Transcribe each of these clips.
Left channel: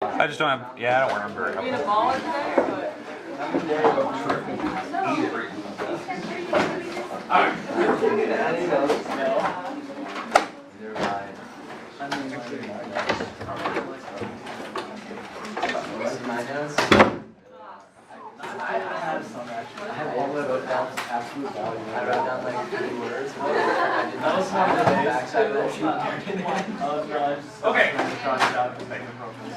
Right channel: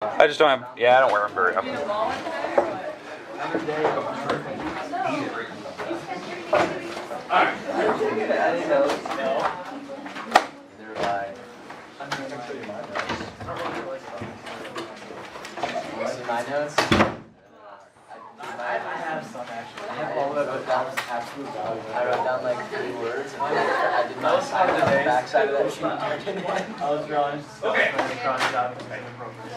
I just don't have, yeah, I don't wear them very often. My notes? I have some actually. I have all the absolute value. I wrote down like 3 words. I did not sign the backside of that sheet. I was drawing. Okay. Cross it out and make it appropriate.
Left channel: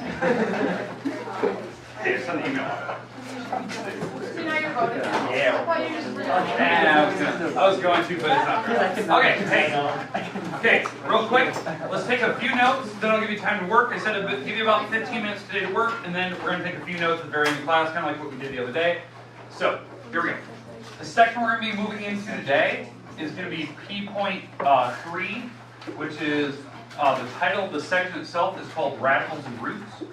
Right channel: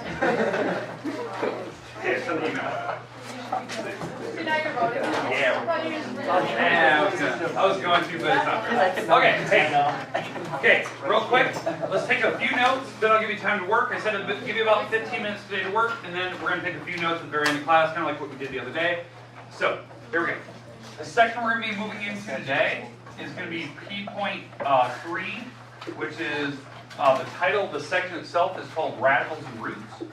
Yeah, send the email. Yeah. Yeah, I was going to, but it's not very. Okay, real quick, let's take a few notes, then I'll give you time to work. I said I'd give you about 15 minutes today to work, and then we're going to take a few notes at the very end of the class, kind of like what we did the other day. So, here we go. The section we're going to be moving into today is going to be P.3, which is the title of the section itself is called Radicals and Roots.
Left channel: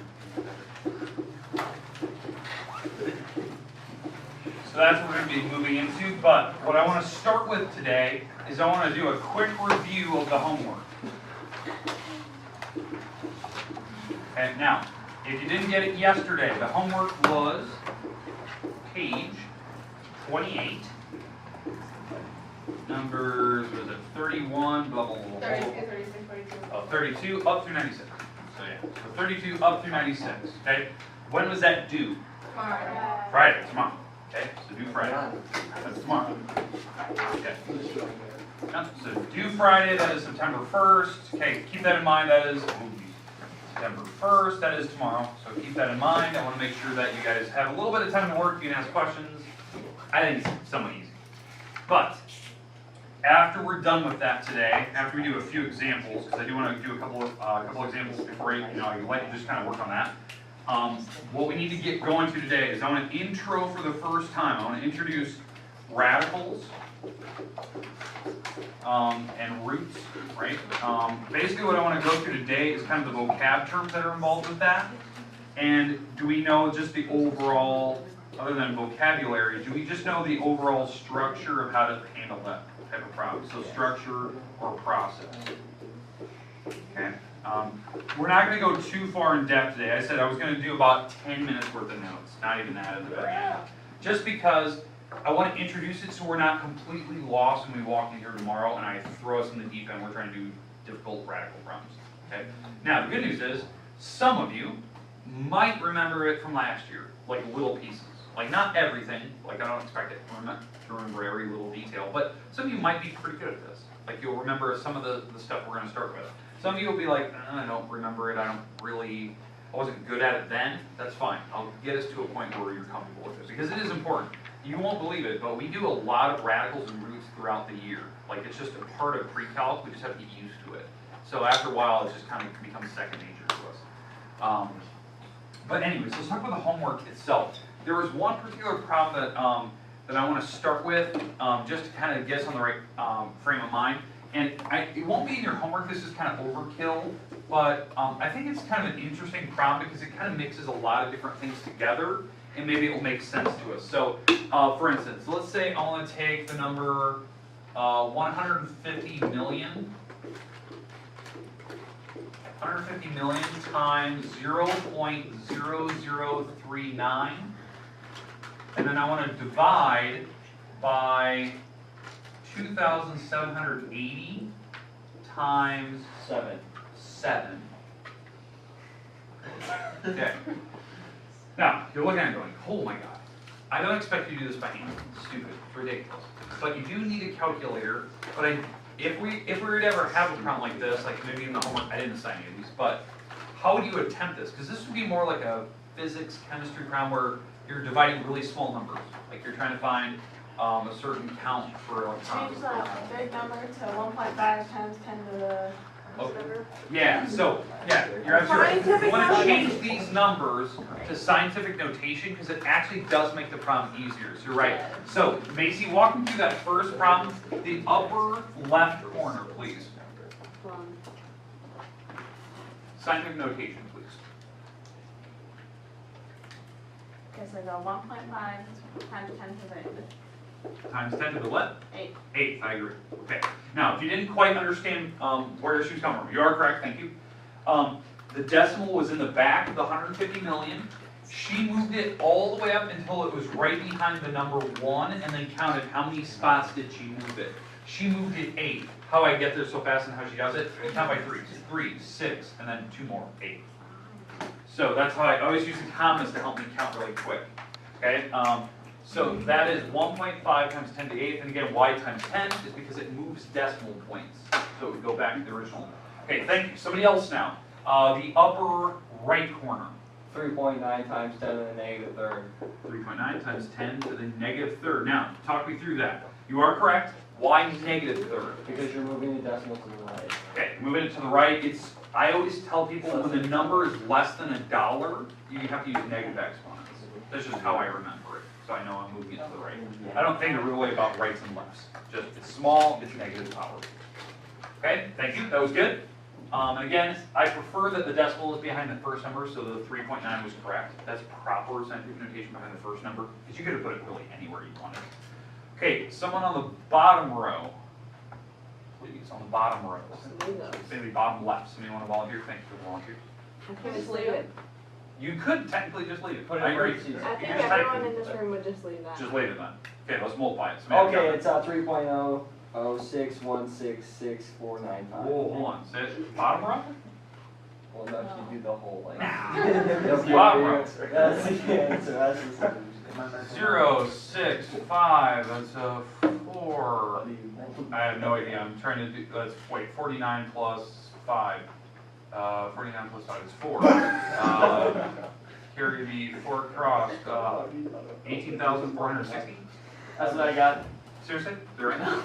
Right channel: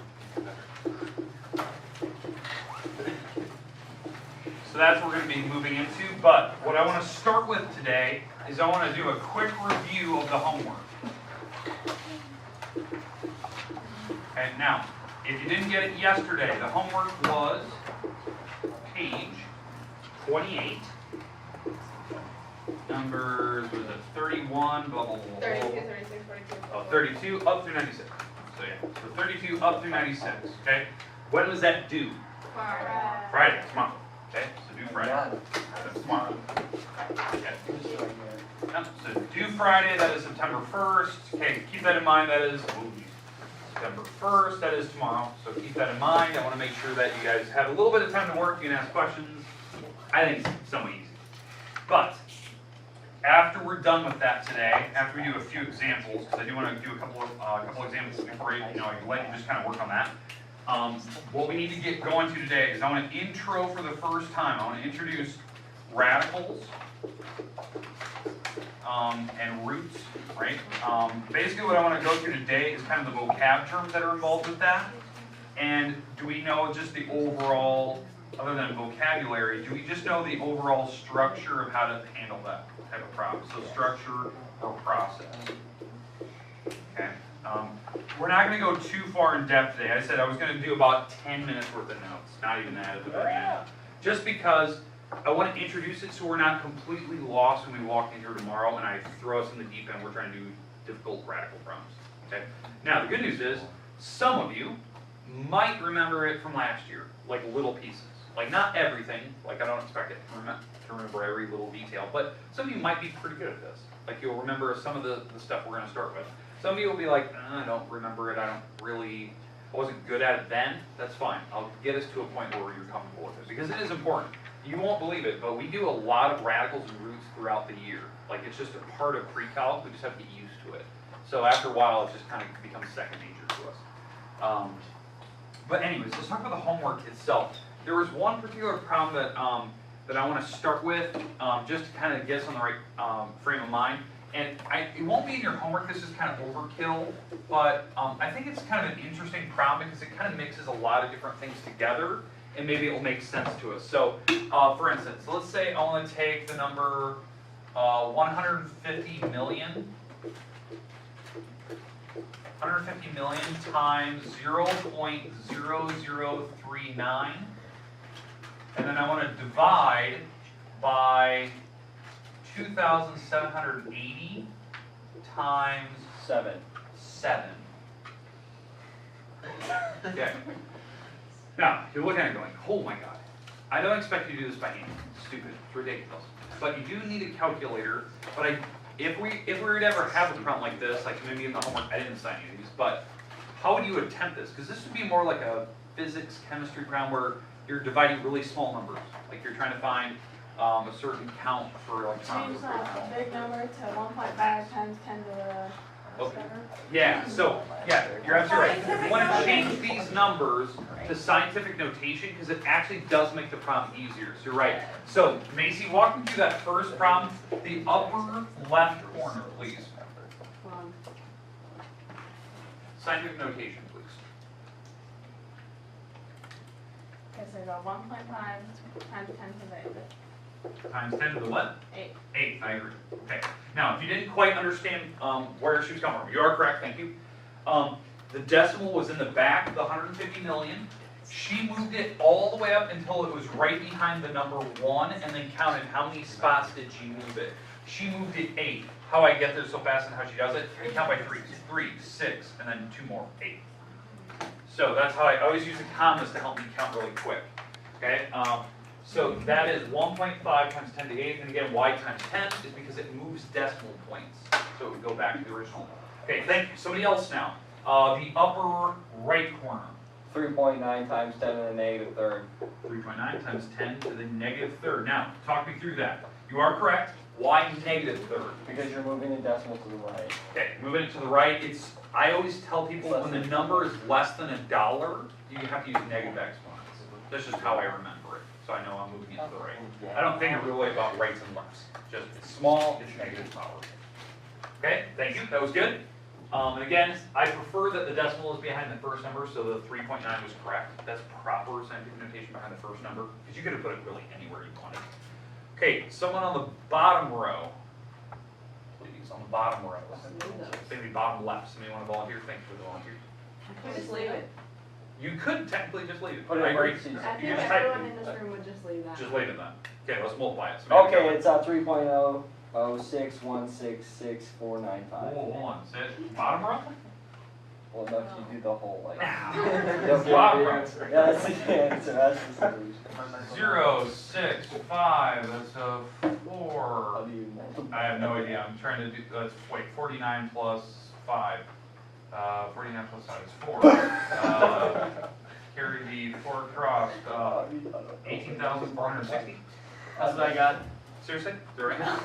So that's what we're going to be moving into, but what I want to start with today is I want to do a quick review of the homework. Okay, now, if you didn't get it yesterday, the homework was page 28, numbers, was it 31, blah, blah, blah, blah, 32, up through 96. So yeah, so 32 up through 96, okay? When was that due? Friday, tomorrow. Okay, so due Friday. That's tomorrow. Okay. So due Friday, that is September 1st. Okay, keep that in mind. That is September 1st. That is tomorrow. So keep that in mind. I want to make sure that you guys have a little bit of time to work. You can ask questions. I think it's somewhat easy. But after we're done with that today, after we do a few examples, because I do want to do a couple examples before I let you just kind of work on that. What we need to get going to today is I want to intro for the first time. I want to introduce radicals and roots, right? Basically what I want to go through today is kind of the vocab terms that are involved with that. And do we know just the overall, other than vocabulary, do we just know the overall structure of how to handle that type of problem? So structure or process. Okay. We're not going to go too far in depth today. I said I was going to do about 10 minutes worth of notes, not even that at the very end. Just because I want to introduce it so we're not completely lost when we walk in here tomorrow and I throw us in the deep end. We're trying to do difficult radical problems. Okay. Now the good news is some of you might remember it from last year, like little pieces. Like not everything. Like I don't expect it to remember every little detail, but some of you might be pretty good at this. Like you'll remember some of the stuff we're going to start with. Some of you will be like, I don't remember it, I wasn't good at it then. That's fine. I'll get us to a point where you're comfortable with it. Because it is important. You won't believe it, but we do a lot of radicals and roots throughout the year. Like it's just a part of pre-calc, we just have to get used to it. So after a while, it just kind of becomes second nature to us. But anyways, let's talk about the homework itself. There was one particular problem that I want to start with, just to kind of get us on the right frame of mind. And it won't be in your homework, this is kind of overkill, but I think it's kind of an interesting problem because it kind of mixes a lot of different things together, and maybe it will make sense to us. So, for instance, let's say I want to take the number 150 million. 150 million times 0.0039, and then I want to divide by 2,780 times 7. Okay. Now, you're looking at it going, oh my god. I don't expect you to do this by hand. It's stupid. It's ridiculous. But you do need a calculator. But if we were to ever have a problem like this, like maybe in the homework, I didn't assign any of these, but how would you attempt this? Because this would be more like a physics, chemistry problem where you're dividing really small numbers. Like you're trying to find a certain count for electrons. Change a big number to 1.5 times 10 to the Okay. Yeah, so, yeah, you're absolutely right. You want to change these numbers to scientific notation because it actually does make the problem easier. So you're right. So, Macy, walk me through that first problem. The upper left corner, please. Scientific notation, please. Okay, so I go 1.5 times 10 to the Times 10 to the what? 8. 8, I agree. Okay. Now, if you didn't quite understand where she was coming from, you are correct, thank you. The decimal was in the back of the 150 million. She moved it all the way up until it was right behind the number 1 and then counted how many spots did she move it. She moved it 8. How I get there so fast and how she does it, I count by 3s. 3, 6, and then 2 more, 8. So that's how I always use the commas to help me count really quick. Okay, so that is 1.5 times 10 to the 8th, and again, why times 10 is because it moves decimal points. So it would go back to the original. Okay, thank you. Somebody else now. The upper right corner. 3.9 times 10 to the negative third. 3.9 times 10 to the negative third. Now, talk me through that. You are correct. Why negative third? Because you're moving the decimal to the right. Okay, moving it to the right. I always tell people when the number is less than $1, you have to use negative exponents. That's just how I remember it. So I know I'm moving it to the right. I don't think really about rights and lefts. Just it's small, it's negative power. Okay, thank you. That was good. And again, I prefer that the decimal is behind the first number, so the 3.9 was correct. That's proper scientific notation behind the first number, because you could have put it really anywhere you wanted. Okay, someone on the bottom row. Please, on the bottom row. Maybe bottom left. Somebody want to volunteer? Thanks for the volunteer. Just leave it. You could technically just leave it. Put it I agree. where it sees. I think just type everyone it. in this room would just leave that. Just leave it then. Okay, let's multiply it. Somebody Okay, have it's 3.006166495. Whoa, hold on. Say it. Bottom row? Well, no, if you do the whole like. Bottom row. That's the answer. That's the solution. 0, 6, 5. That's a 4. I have no idea. I'm trying to do. Let's wait. 49 plus 5. 49 plus 5 is 4. Carry the 4 across. 18,460. That's what I got. Seriously? Is that right now?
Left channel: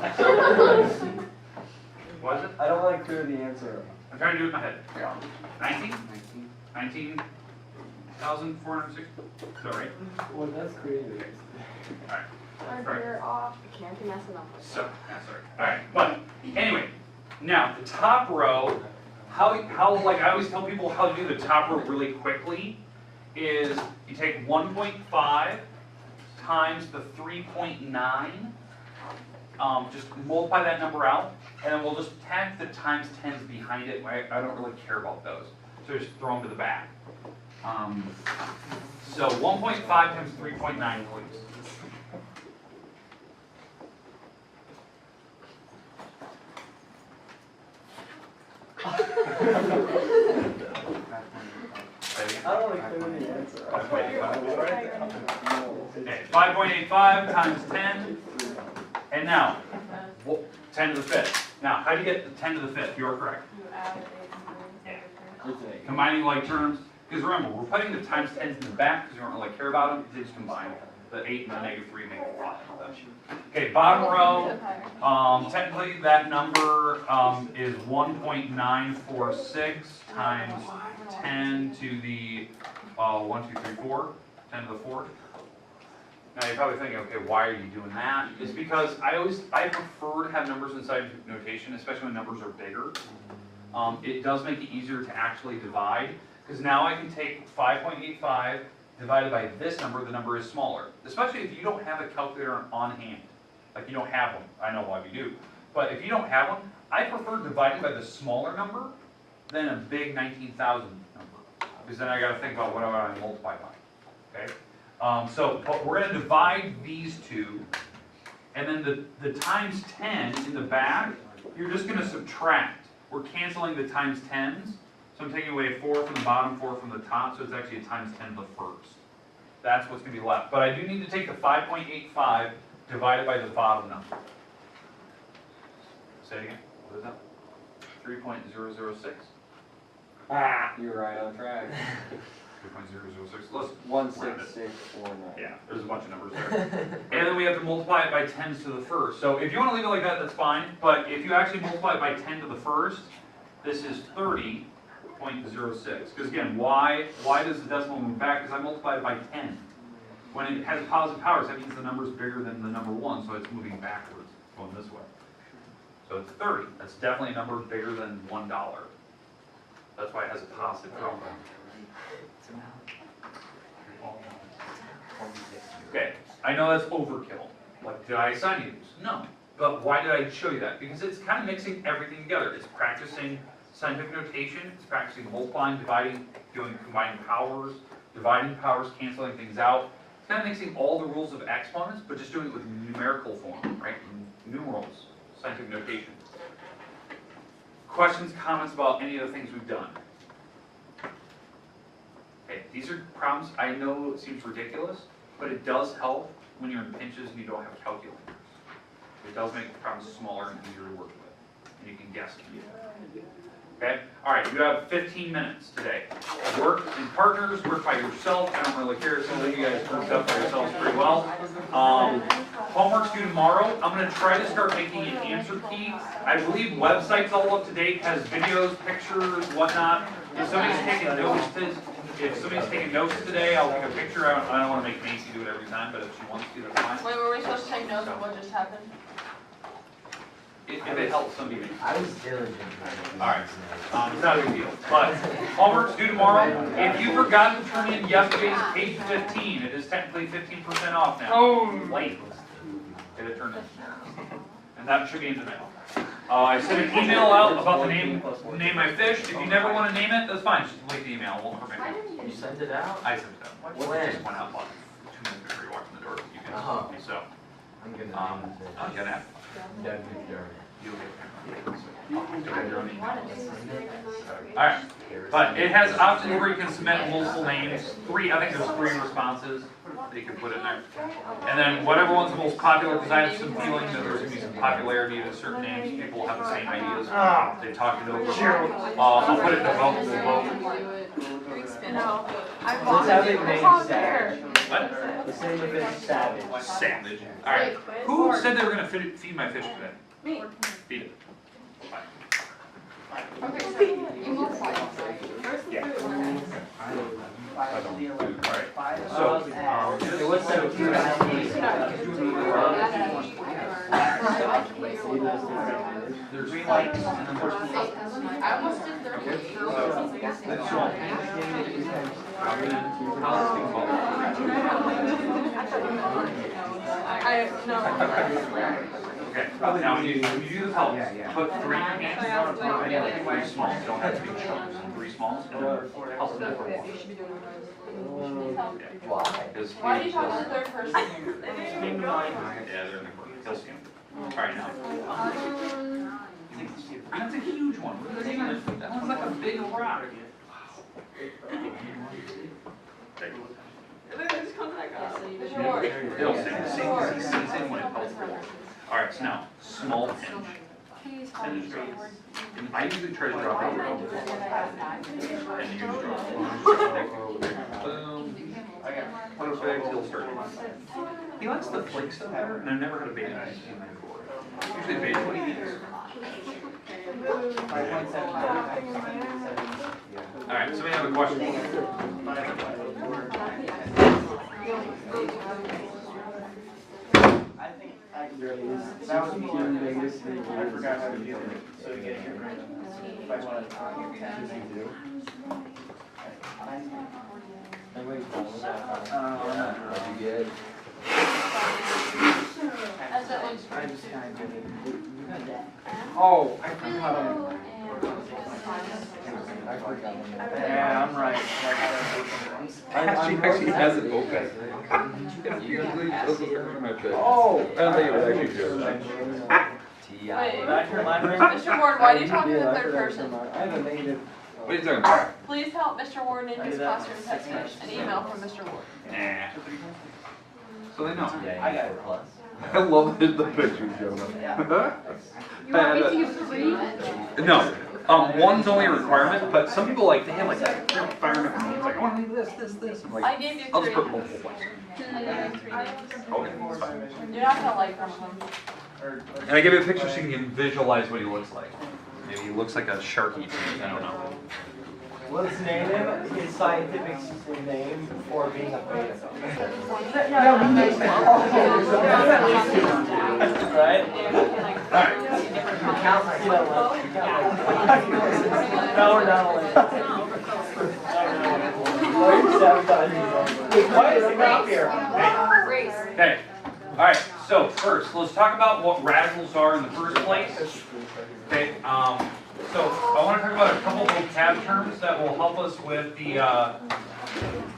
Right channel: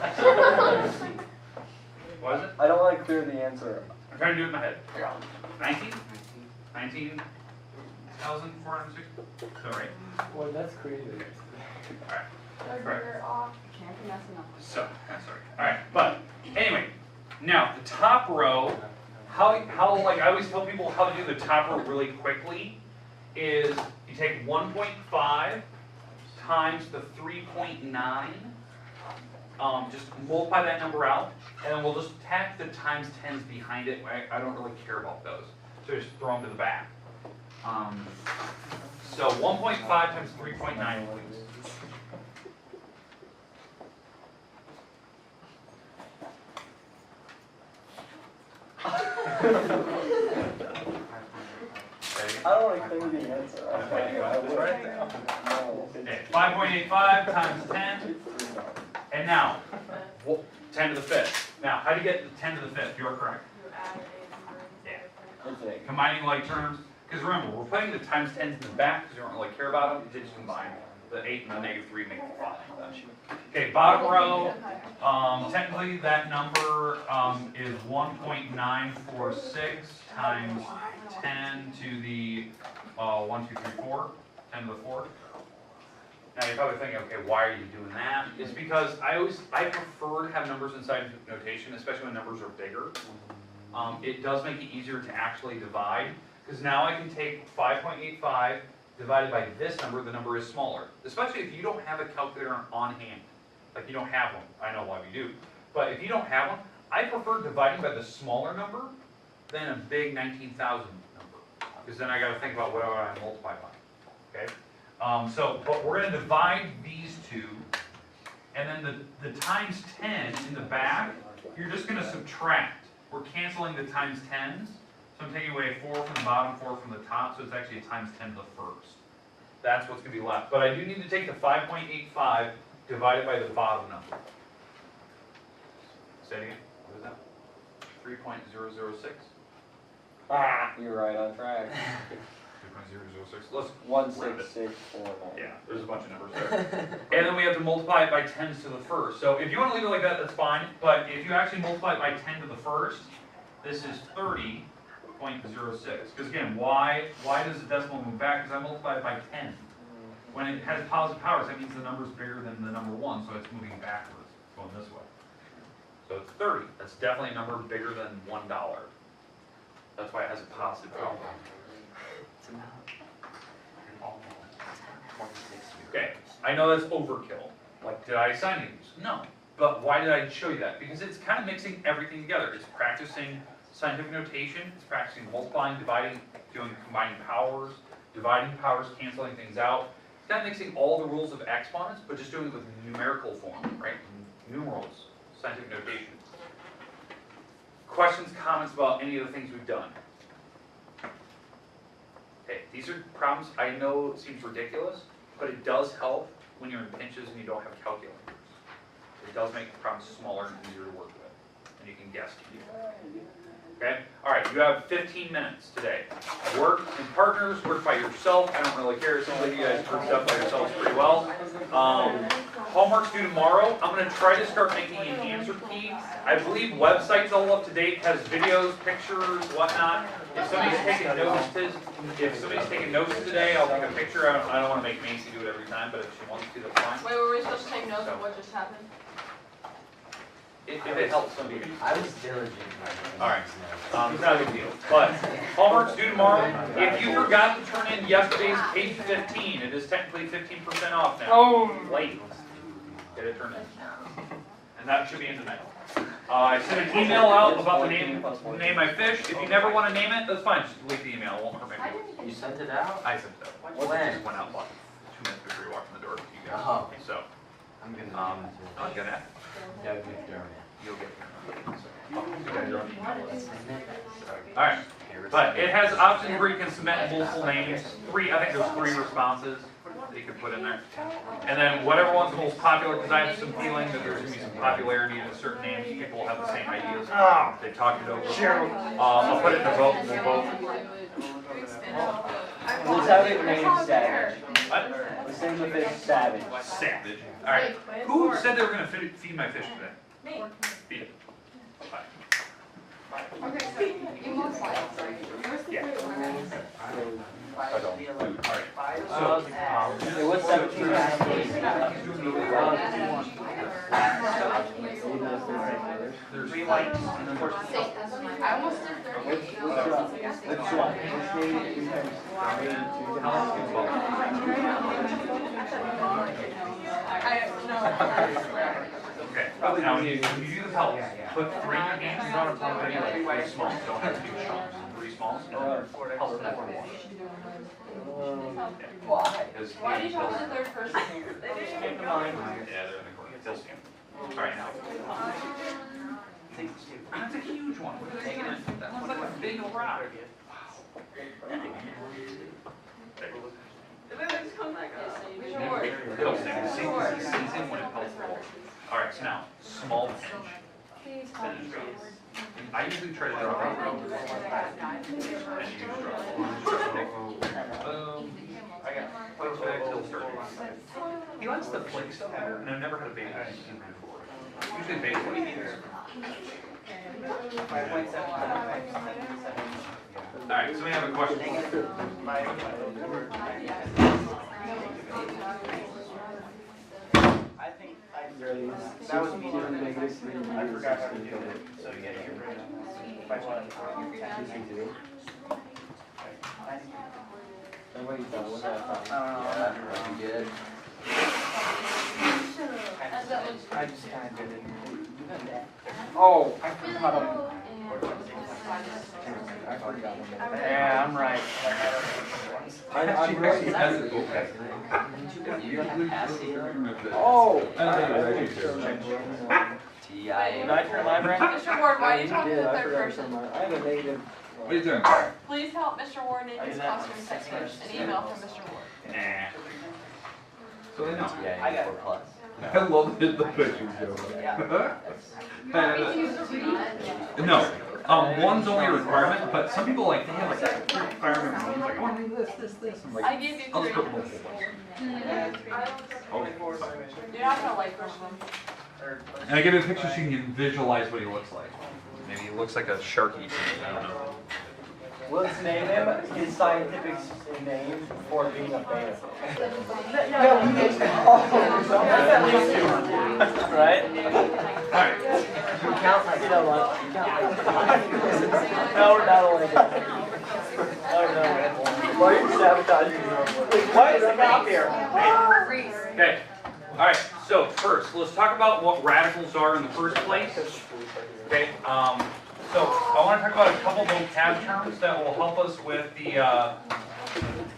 What is it? I don't want to clear the answer. I'm trying to do it in my head. 19? 19,460? Is that right? Well, that's crazy. Alright. You're off. Can't be messing up. So, that's right. Alright, but anyway, now the top row, how like I always tell people how to do the top row really quickly is you take 1.5 times the 3.9, just multiply that number out, and then we'll just tack the times 10s behind it. I don't really care about those, so just throw them to the back. So 1.5 times 3.9, please. I don't want to clear the answer. Okay, No. 5.85 times 10, and now 10 to the 5th. Now, how do you get the 10 to the 5th? You are correct. You added 8 and 3. It's a. Combining like terms, because remember, we're putting the times 10s in the back because we don't really care about them. They just combine the 8 and the negative 3 make it 5. Okay, bottom row. Technically, that number is 1.946 times 10 to the 1, 2, 3, 4. 10 to the 4th. Now you're probably thinking, okay, why are you doing that? It's because I prefer to have numbers in scientific notation, especially when numbers are bigger. It does make it easier to actually divide, because now I can take 5.85 divided by this number, the number is smaller. Especially if you don't have a calculator on hand. Like you don't have one. I know a lot of you do. But if you don't have one, I prefer dividing by the smaller number than a big 19,000 number. Because then I got to think about what do I multiply by. Okay? But we're going to divide these two, and then the times 10 in the back, you're just going to subtract. We're canceling the times 10s, so I'm taking away 4 from the bottom, 4 from the top, so it's actually a times 10 to the first. That's what's going to be left. But I do need to take the 5.85 divided by the bottom number. Say it again. What is that? 3.006? You're right on track. 3.006. Let's 16649. Yeah, there's a bunch of numbers there. And then we have to multiply it by 10s to the first. So if you want to leave it like that, that's fine. But if you actually multiply it by 10 to the first, this is 30.06. Because again, why does the decimal move back? Because I multiplied it by 10. When it has positive powers, that means the number is bigger than the number 1, so it's moving backwards, going this way. So it's 30. That's definitely a number bigger than $1. That's why it has a positive power. Okay, I know that's overkill. Like, did I assign you these? No. But why did I show you that? Because it's kind of mixing everything together. It's practicing Scientific notation is practicing multiplying, dividing, doing combining powers, dividing powers, canceling things out. It's kind of mixing all the rules of exponents, but just doing it with numerical form, right? Numerals, scientific notation. Questions, comments about any of the things we've done? Okay, these are problems, I know it seems ridiculous, but it does help when you're in pinches and you don't have calculators. It does make the problems smaller and easier to work with, and you can guess them. Okay? Alright, you have 15 minutes today. Work in partners, work by yourself, I don't really care, some of you guys worked up by yourselves pretty well. Homework's due tomorrow. I'm going to try to start making an answer key. I believe websites all up to date, has videos, pictures, whatnot. If somebody's taking notes today, I'll take a picture. I don't want to make Nancy do it every time, but if she wants to, that's fine. Wait, were we supposed to take notes of what just happened? If it helps somebody. I was diligent. Alright, it's not a big deal. But homework's due tomorrow. If you forgot to turn in yesterday's page 15, it is technically 15% off now. Oh, late. Get it turned in. And that should be in tonight. I sent an email out about the name my fish. If you never want to name it, that's fine. Just delete the email. It won't hurt my feelings. You sent it out? I sent it out. When? It just went out like 2 minutes before you walked in the door. You guys Oh. So, I'm gonna oh, you got that? Doug McDermott. You'll get there. You got your own email. Alright, but it has options where you can submit multiple names. I think there's 3 responses that you can put in there. And then whatever one's the most popular, because I have some feeling that there's going to be some popularity to certain names. People will have the same ideas. They talked it over. I'll put it in a vote. We'll vote. Let's have it named Savage. What? The same of it, Savage. Savage. Alright. Who said they were going to feed my fish today? Me. Feed it. Okay, so you move slides. Yeah. Alright. It was 17 and a half days. There's 3 lights and then there's 4. I almost did 30. Okay, now when you do the help, put 3 names, you don't have to put any 3 smalls, don't have to be chunks, 3 smalls, and then help them for 1. Why? Why do you talk to the third person? Came to mind. Yeah, they're in the corner, you'll see them. Alright, now. That's a huge one, that one's like a big rock. It'll stay the same when it helps. Alright, so now, small pinch. I usually try to draw that row. And you draw. Boom. Put it there till certain. He likes the flick stuff better, and I've never had a beta in my before. Usually beta, what do you use? 5.7. Alright, so we have a question. I think that was me. I forgot how to do it. So you get your grade on this. If I want to target 10, you do. Everybody's done with that. You get it. I just kind of did it. Oh, I forgot on yeah, I'm right. I actually has it okay. Oh! Mr. Ward, why are you talking to the third person? I had a negative. What are you doing? Please help Mr. Ward in his classroom text message and email from Mr. Ward. Nah. So they know. I got a plus. I love the pictures, Joe. You want me to use the read? No. One's only a requirement, but some people like, they have like that requirement. It's like, I want to leave this. I'm I like, gave you I'll 3. just put multiple ones. Okay, it's fine. You're not gonna like this one. And I give you a picture so you can visualize what he looks like. Maybe he looks like a shark eating it, I don't know. Let's name him his scientific name for being a beta. At least 200, right? Alright. You count like, no, we're not only that. Why are you sabotaging me? Why is it up here? Okay. Alright, so first, let's talk about what radicals are in the first place. Okay, So I want to talk about a couple vocab terms that will help us with the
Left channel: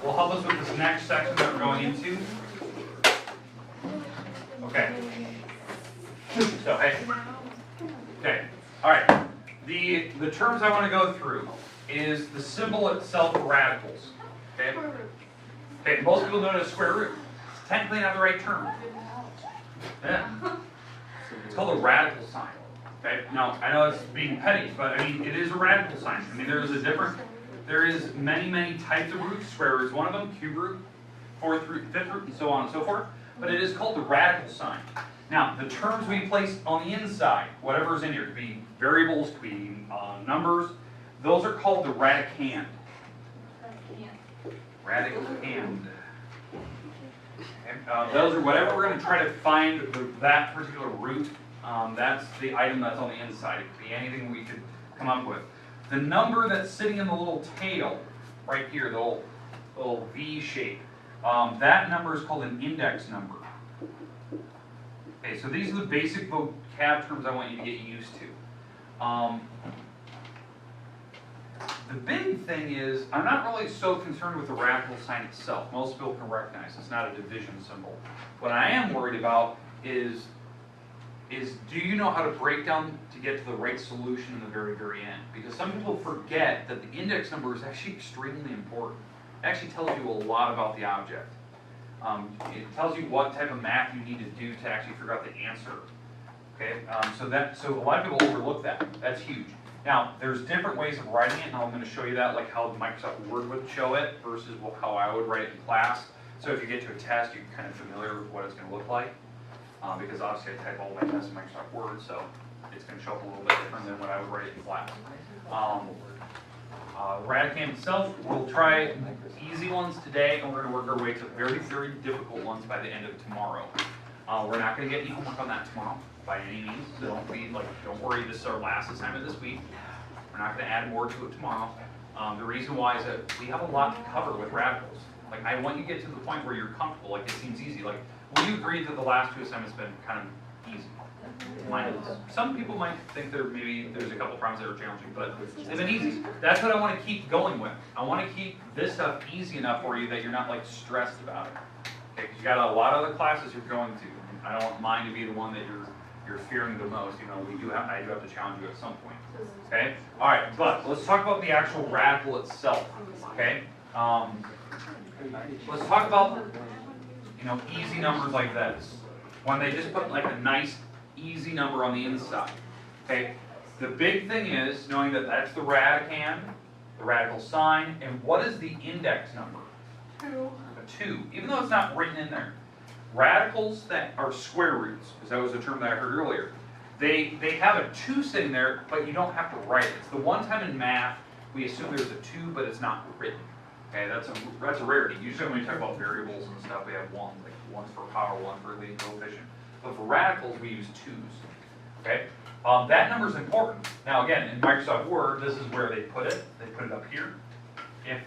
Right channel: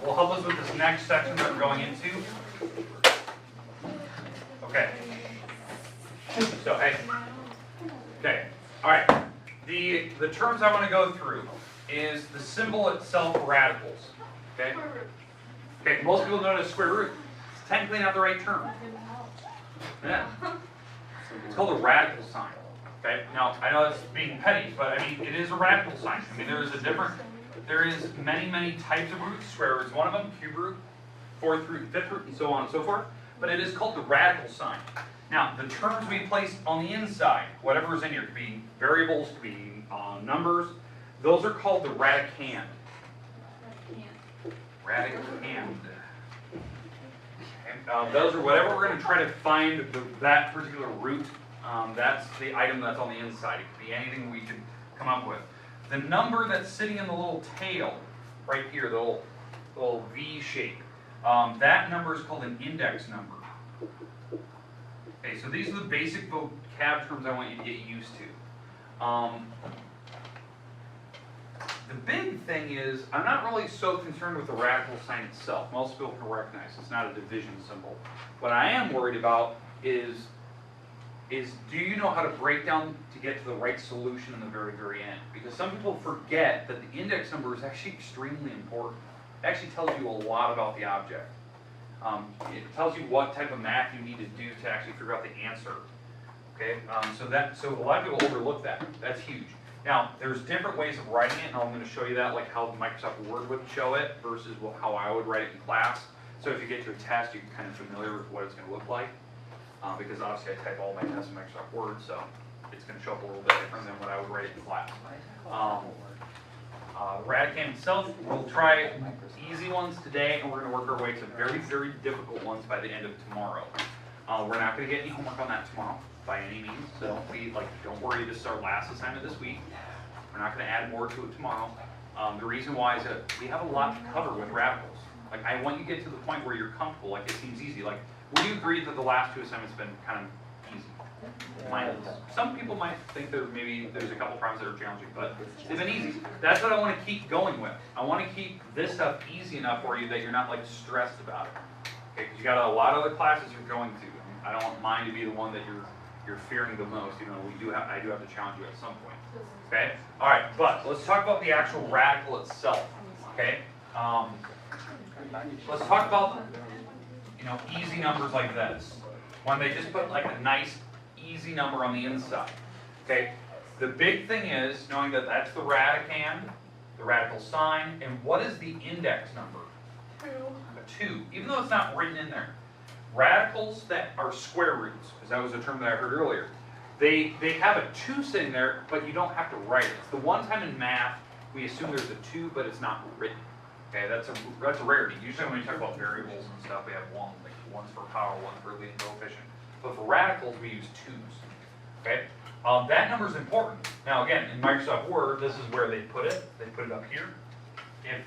this next section that we're going into. Okay. So hey. Okay. All right. The terms I want to go through is the symbol itself, radicals. Okay. Okay. Most people know it as square root. It's technically not the right term. Yeah. It's called a radical sign. Okay. Now I know it's being petty, but I mean it is a radical sign. I mean there is many types of roots. Square root is one of them. Cube root, fourth root, fifth root, and so on and so forth. But it is called the radical sign. Now the terms we place on the inside, whatever is in here, could be variables, could be numbers. Those are called the radicand. Radicand. Those are whatever we're going to try to find that particular root. That's the item that's on the inside. It could be anything we could come up with. The number that's sitting in the little tail, right here, the little V shape, that number is called an index number. Okay, so these are the basic vocab terms I want you to get used to. The big thing is, I'm not really so concerned with the radical sign itself. Most people can recognize it's not a division symbol. What I am worried about is do you know how to break down to get to the right solution in the very end? Because some people forget that the index number is actually extremely important. It actually tells you a lot about the object. It tells you what type of math you need to do to actually figure out the answer. Okay, so a lot of people overlook that. That's huge. Now, there's different ways of writing it, and I'm going to show you that, like how Microsoft Word would show it versus how I would write it in class. So if you get to a test, you're kind of familiar with what it's going to look like. Because obviously I type all my tests in Microsoft Word, so it's going to show up a little bit different than what I would write it in class. Radicand itself, we'll try easy ones today, and we're going to work our way to very difficult ones by the end of tomorrow. We're not going to get any homework on that tomorrow by any means, so don't worry, this is our last assignment this week. We're not going to add more to it tomorrow. The reason why is that we have a lot to cover with radicals. Like, I want you to get to the point where you're comfortable, like it seems easy. Like, would you agree that the last two assignments have been kind of easy? Some people might think there's a couple problems that are challenging, but they've been easy. That's what I want to keep going with. I want to keep this stuff easy enough for you that you're not like stressed about it. Okay, because you got a lot of other classes you're going to, and I don't want mine to be the one that you're fearing the most. You know, I do have to challenge you at some point. Okay, all right, but let's talk about the actual radical itself. Okay, let's talk about easy numbers like this. When they just put like a nice easy number on the inside. Okay, the big thing is knowing that that's the radicand, the radical sign, and what is the index number? 2. A 2, even though it's not written in there. Radicals that are square roots, because that was a term that I heard earlier, they have a 2 sitting there, but you don't have to write it. It's the one time in math we assume there's a 2, but it's not written. Okay, that's a rarity. Usually when we talk about variables and stuff, we have 1, like 1's for power, 1 for leading coefficient. But for radicals, we use 2's. Okay, that number is important. Now again, in Microsoft Word, this is where they put it. They put it up here.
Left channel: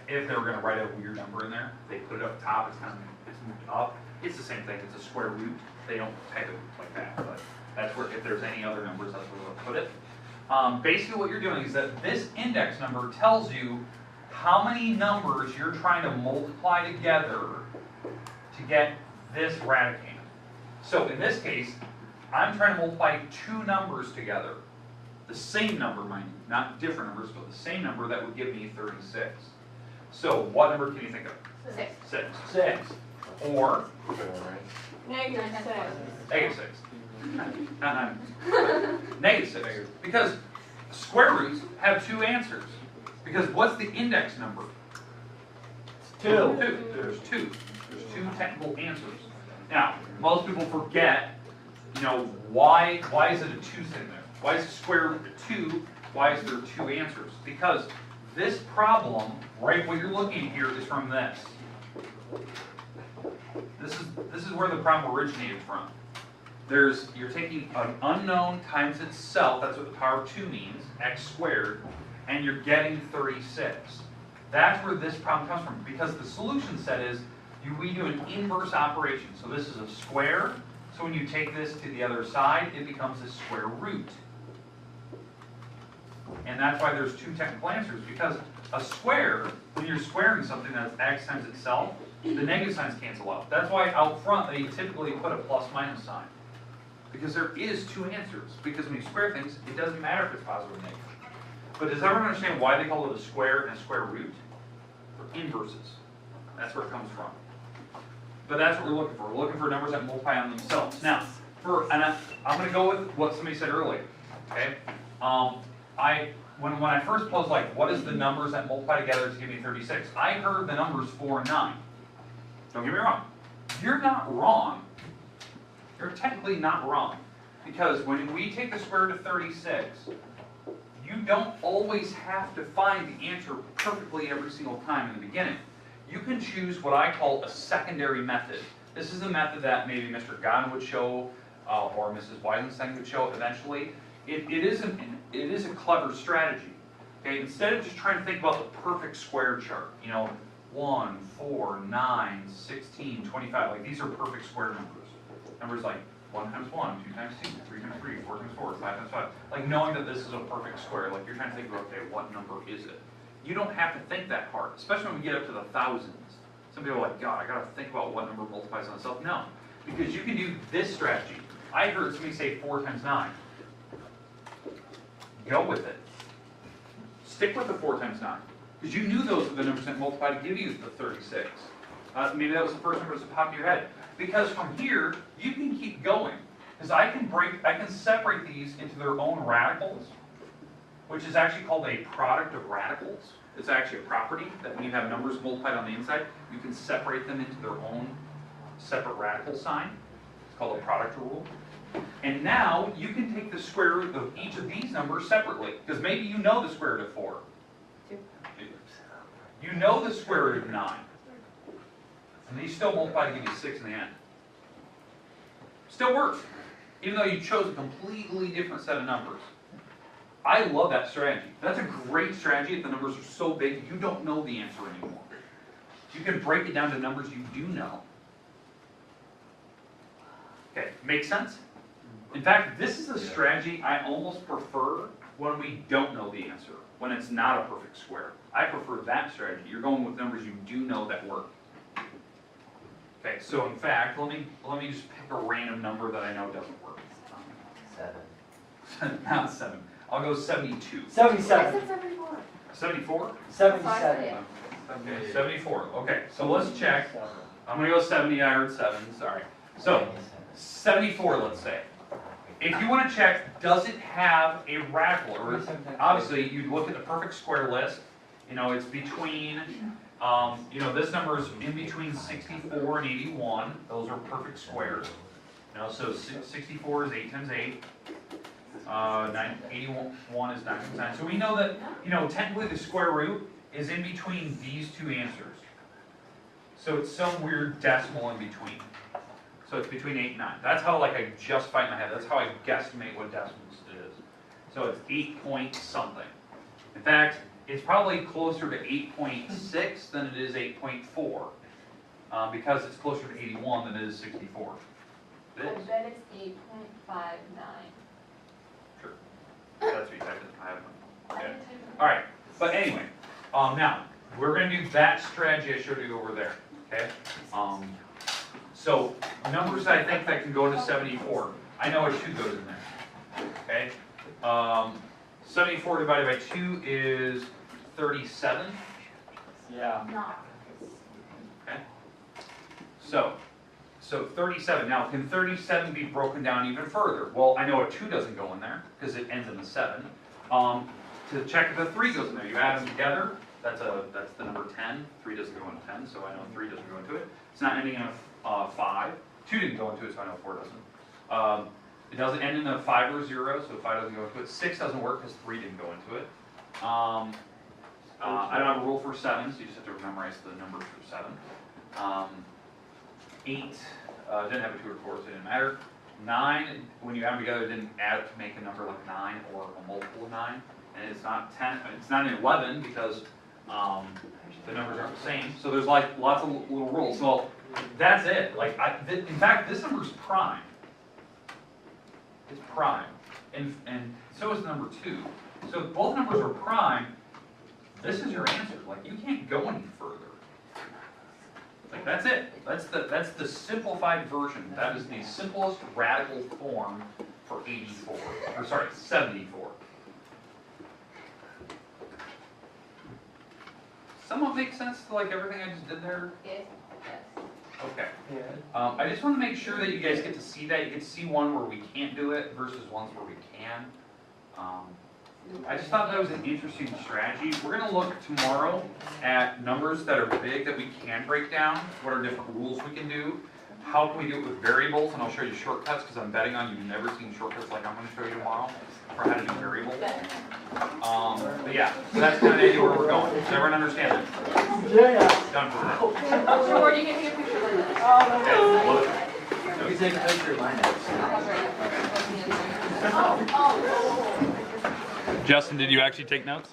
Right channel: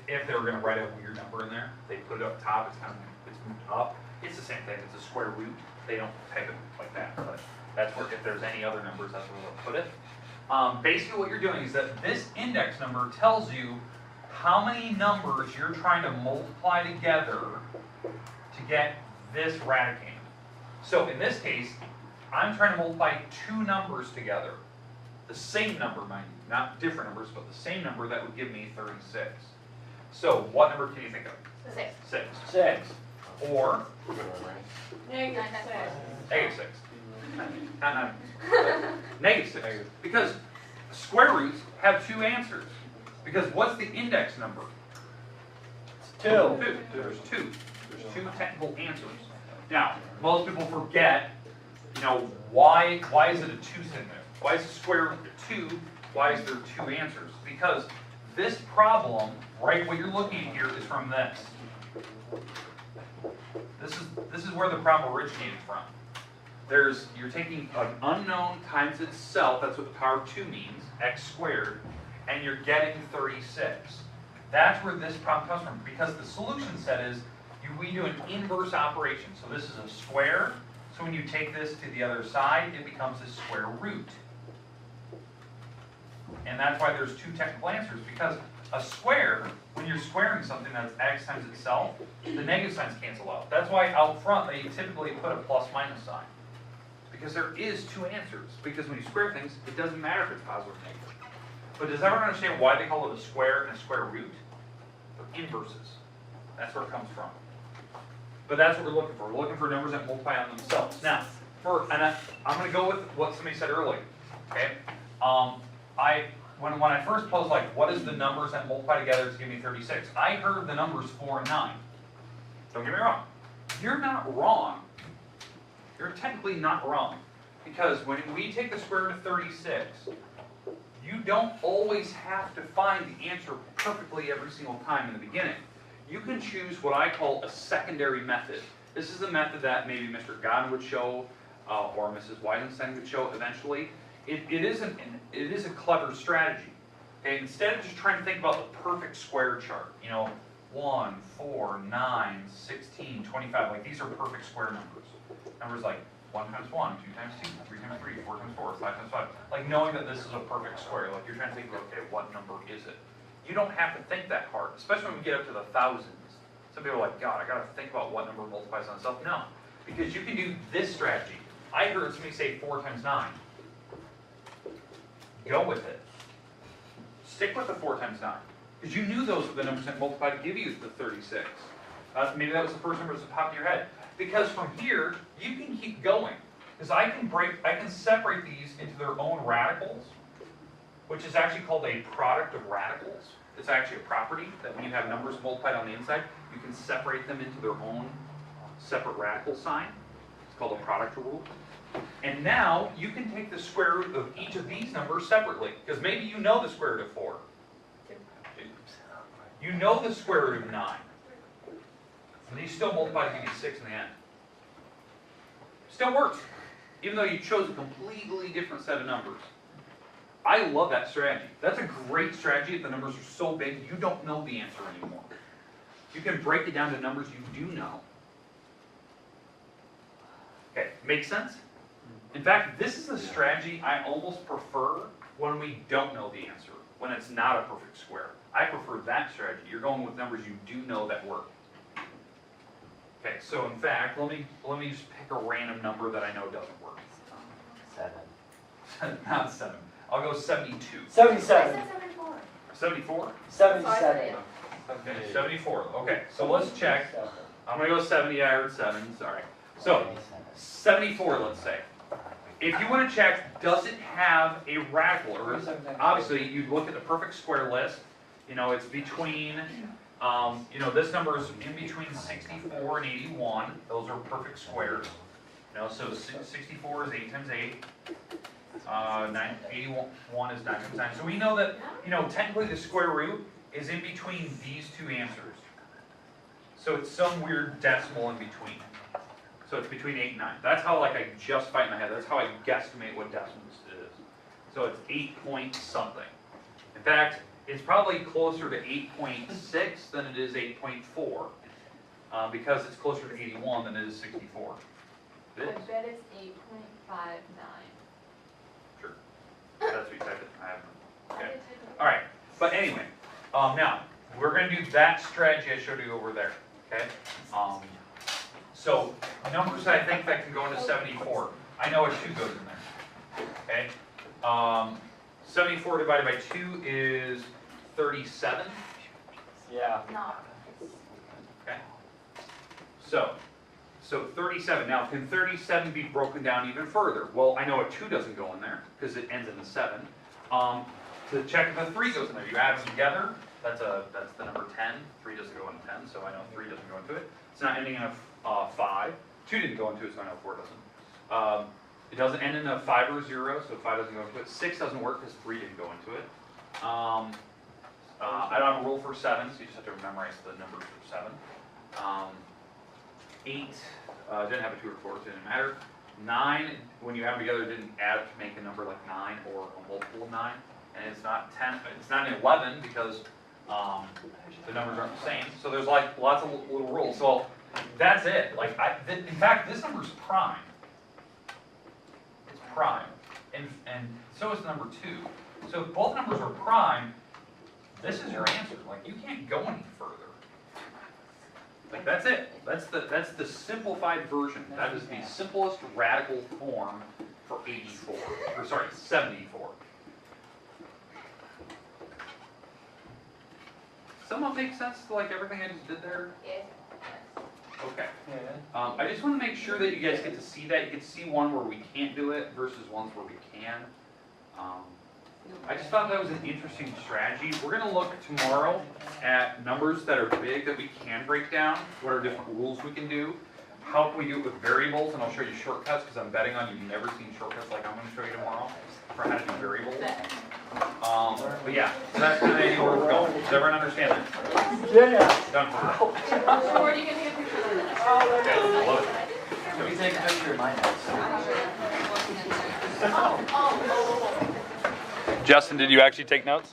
If they were going to write a weird number in there, they put it up top. It's moved up. It's the same thing. It's a square root. They don't type it like that, but that's where if there's any other numbers, that's where they'll put it. Basically, what you're doing is that this index number tells you how many numbers you're trying to multiply together to get this radicand. So in this case, I'm trying to multiply 2 numbers together. The same number, mind you, not different numbers, but the same number that would give me 36. So what number can you think of? 6. 6. Or Negative 6. Negative 6. Because square roots have 2 answers. Because what's the index number? 2. There's 2. There's 2 technical answers. Now, most people forget, why is it a 2 sitting there? Why is the square root of 2? Why is there 2 answers? Because this problem, right, what you're looking at here is from this. This is where the problem originated from. You're taking an unknown times itself, that's what the power of 2 means, x squared, and you're getting 36. That's where this problem comes from, because the solution set is we do an inverse operation. So this is a square, so when you take this to the other side, it becomes a square root. And that's why there's two technical answers, because a square, when you're squaring something that's x times itself, the negative signs cancel out. That's why out front they typically put a plus minus sign. Because there is two answers. Because when you square things, it doesn't matter if it's positive or negative. But does everyone understand why they call it a square and a square root? They're inverses. That's where it comes from. But that's what we're looking for. We're looking for numbers that multiply on themselves. Now, I'm going to go with what somebody said earlier. Okay. When I first posed, like, what is the numbers that multiply together to give me 36? I heard the numbers 4 and 9. Don't get me wrong. You're not wrong. You're technically not wrong. Because when we take the square root of 36, you don't always have to find the answer perfectly every single time in the beginning. You can choose what I call a secondary method. This is a method that maybe Mr. Godin would show, or Mrs. Weisenstein would show eventually. It is a clever strategy. Okay, instead of just trying to think about the perfect square chart, 1, 4, 9, 16, 25, like these are perfect square numbers. Numbers like 1 times 1, 2 times 2, 3 times 3, 4 times 4, 5 times 5. Like knowing that this is a perfect square, like you're trying to think about, okay, what number is it? You don't have to think that hard, especially when we get up to the thousands. Some people are like, God, I gotta think about what number multiplies on itself. No, because you can do this strategy. I heard somebody say 4 times 9. Go with it. Stick with the 4 times 9. Because you knew those were the numbers that multiply to give you the 36. Maybe that was the first number that popped in your head. Because from here, you can keep going. Because I can separate these into their own radicals, which is actually called a product of radicals. It's actually a property that when you have numbers multiplied on the inside, you can separate them into their own separate radical sign. It's called a product rule. And now you can take the square root of each of these numbers separately, because maybe you know the square root of 4. You know the square root of 9. And these still multiply to give you 6 in the end. Still works, even though you chose a completely different set of numbers. I love that strategy. That's a great strategy if the numbers are so big you don't know the answer anymore. You can break it down to numbers you do know. Okay, make sense? In fact, this is a strategy I almost prefer when we don't know the answer, when it's not a perfect square. I prefer that strategy. You're going with numbers you do know that work. Okay, so in fact, let me just pick a random number that I know doesn't work. 7. Not 7. I'll go 72. 77. 74? 77. Okay, 74. Okay, so let's check. I'm going to go 70. I heard 7. Sorry. So, 74, let's say. If you want to check, does it have a radical? Or obviously, you'd look at the perfect square list. It's between, this number is in between 64 and 81. Those are perfect squares. So 64 is 8 times 8. 81 is 9 times 9. So we know that, technically the square root is in between these two answers. So it's some weird decimal in between. So it's between 8 and 9. That's how I justify it in my head. That's how I guesstimate what decimals it is. So it's 8 point something. In fact, it's probably closer to 8.6 than it is 8.4. Because it's closer to 81 than it is 64. I bet it's 8.59. Sure. That's what you type it. I have no. Okay. All right. But anyway, now we're going to do that strategy I showed you over there. Okay. So numbers I think that can go into 74. I know a 2 goes in there. Okay. 74 divided by 2 is 37. Yeah. Okay. So 37. Now, can 37 be broken down even further? Well, I know a 2 doesn't go in there because it ends in a 7. To check if a 3 goes in there, you add them together. That's the number 10. 3 doesn't go into 10, so I know 3 doesn't go into it. It's not ending in a 5. 2 didn't go into it, so I know 4 doesn't. It doesn't end in a 5 or a 0, so 5 doesn't go into it. 6 doesn't work because 3 didn't go into it. I don't have a rule for 7, so you just have to memorize the numbers for 7. 8 didn't have a 2 or 4, so it didn't matter. 9, when you add them together, it didn't add to make a number like 9 or a multiple of 9. And it's not 10, it's not an 11 because the numbers aren't the same. So there's lots of little rules. So that's it. In fact, this number's prime. It's prime. And so is the number 2. So if both numbers are prime, this is your answer. Like, you can't go any further. Like, that's it. That's the simplified version. That is the simplest radical form for 84. Or sorry, 74. Somewhat makes sense to like everything I just did there? Yes. Okay. Yeah. I just want to make sure that you guys get to see that. You get to see one where we can't do it versus ones where we can. I just thought that was an interesting strategy. We're going to look tomorrow at numbers that are big that we can break down. What are different rules we can do? How can we do it with variables? And I'll show you shortcuts because I'm betting on you've never seen shortcuts like I'm going to show you tomorrow for how to do variables. But yeah, so that's kind of where we're going. Does everyone understand that? Yeah. Done for that. So where are you getting a picture of this? Okay, love it. You can take a picture of mine next. Oh. Justin, did you actually take notes?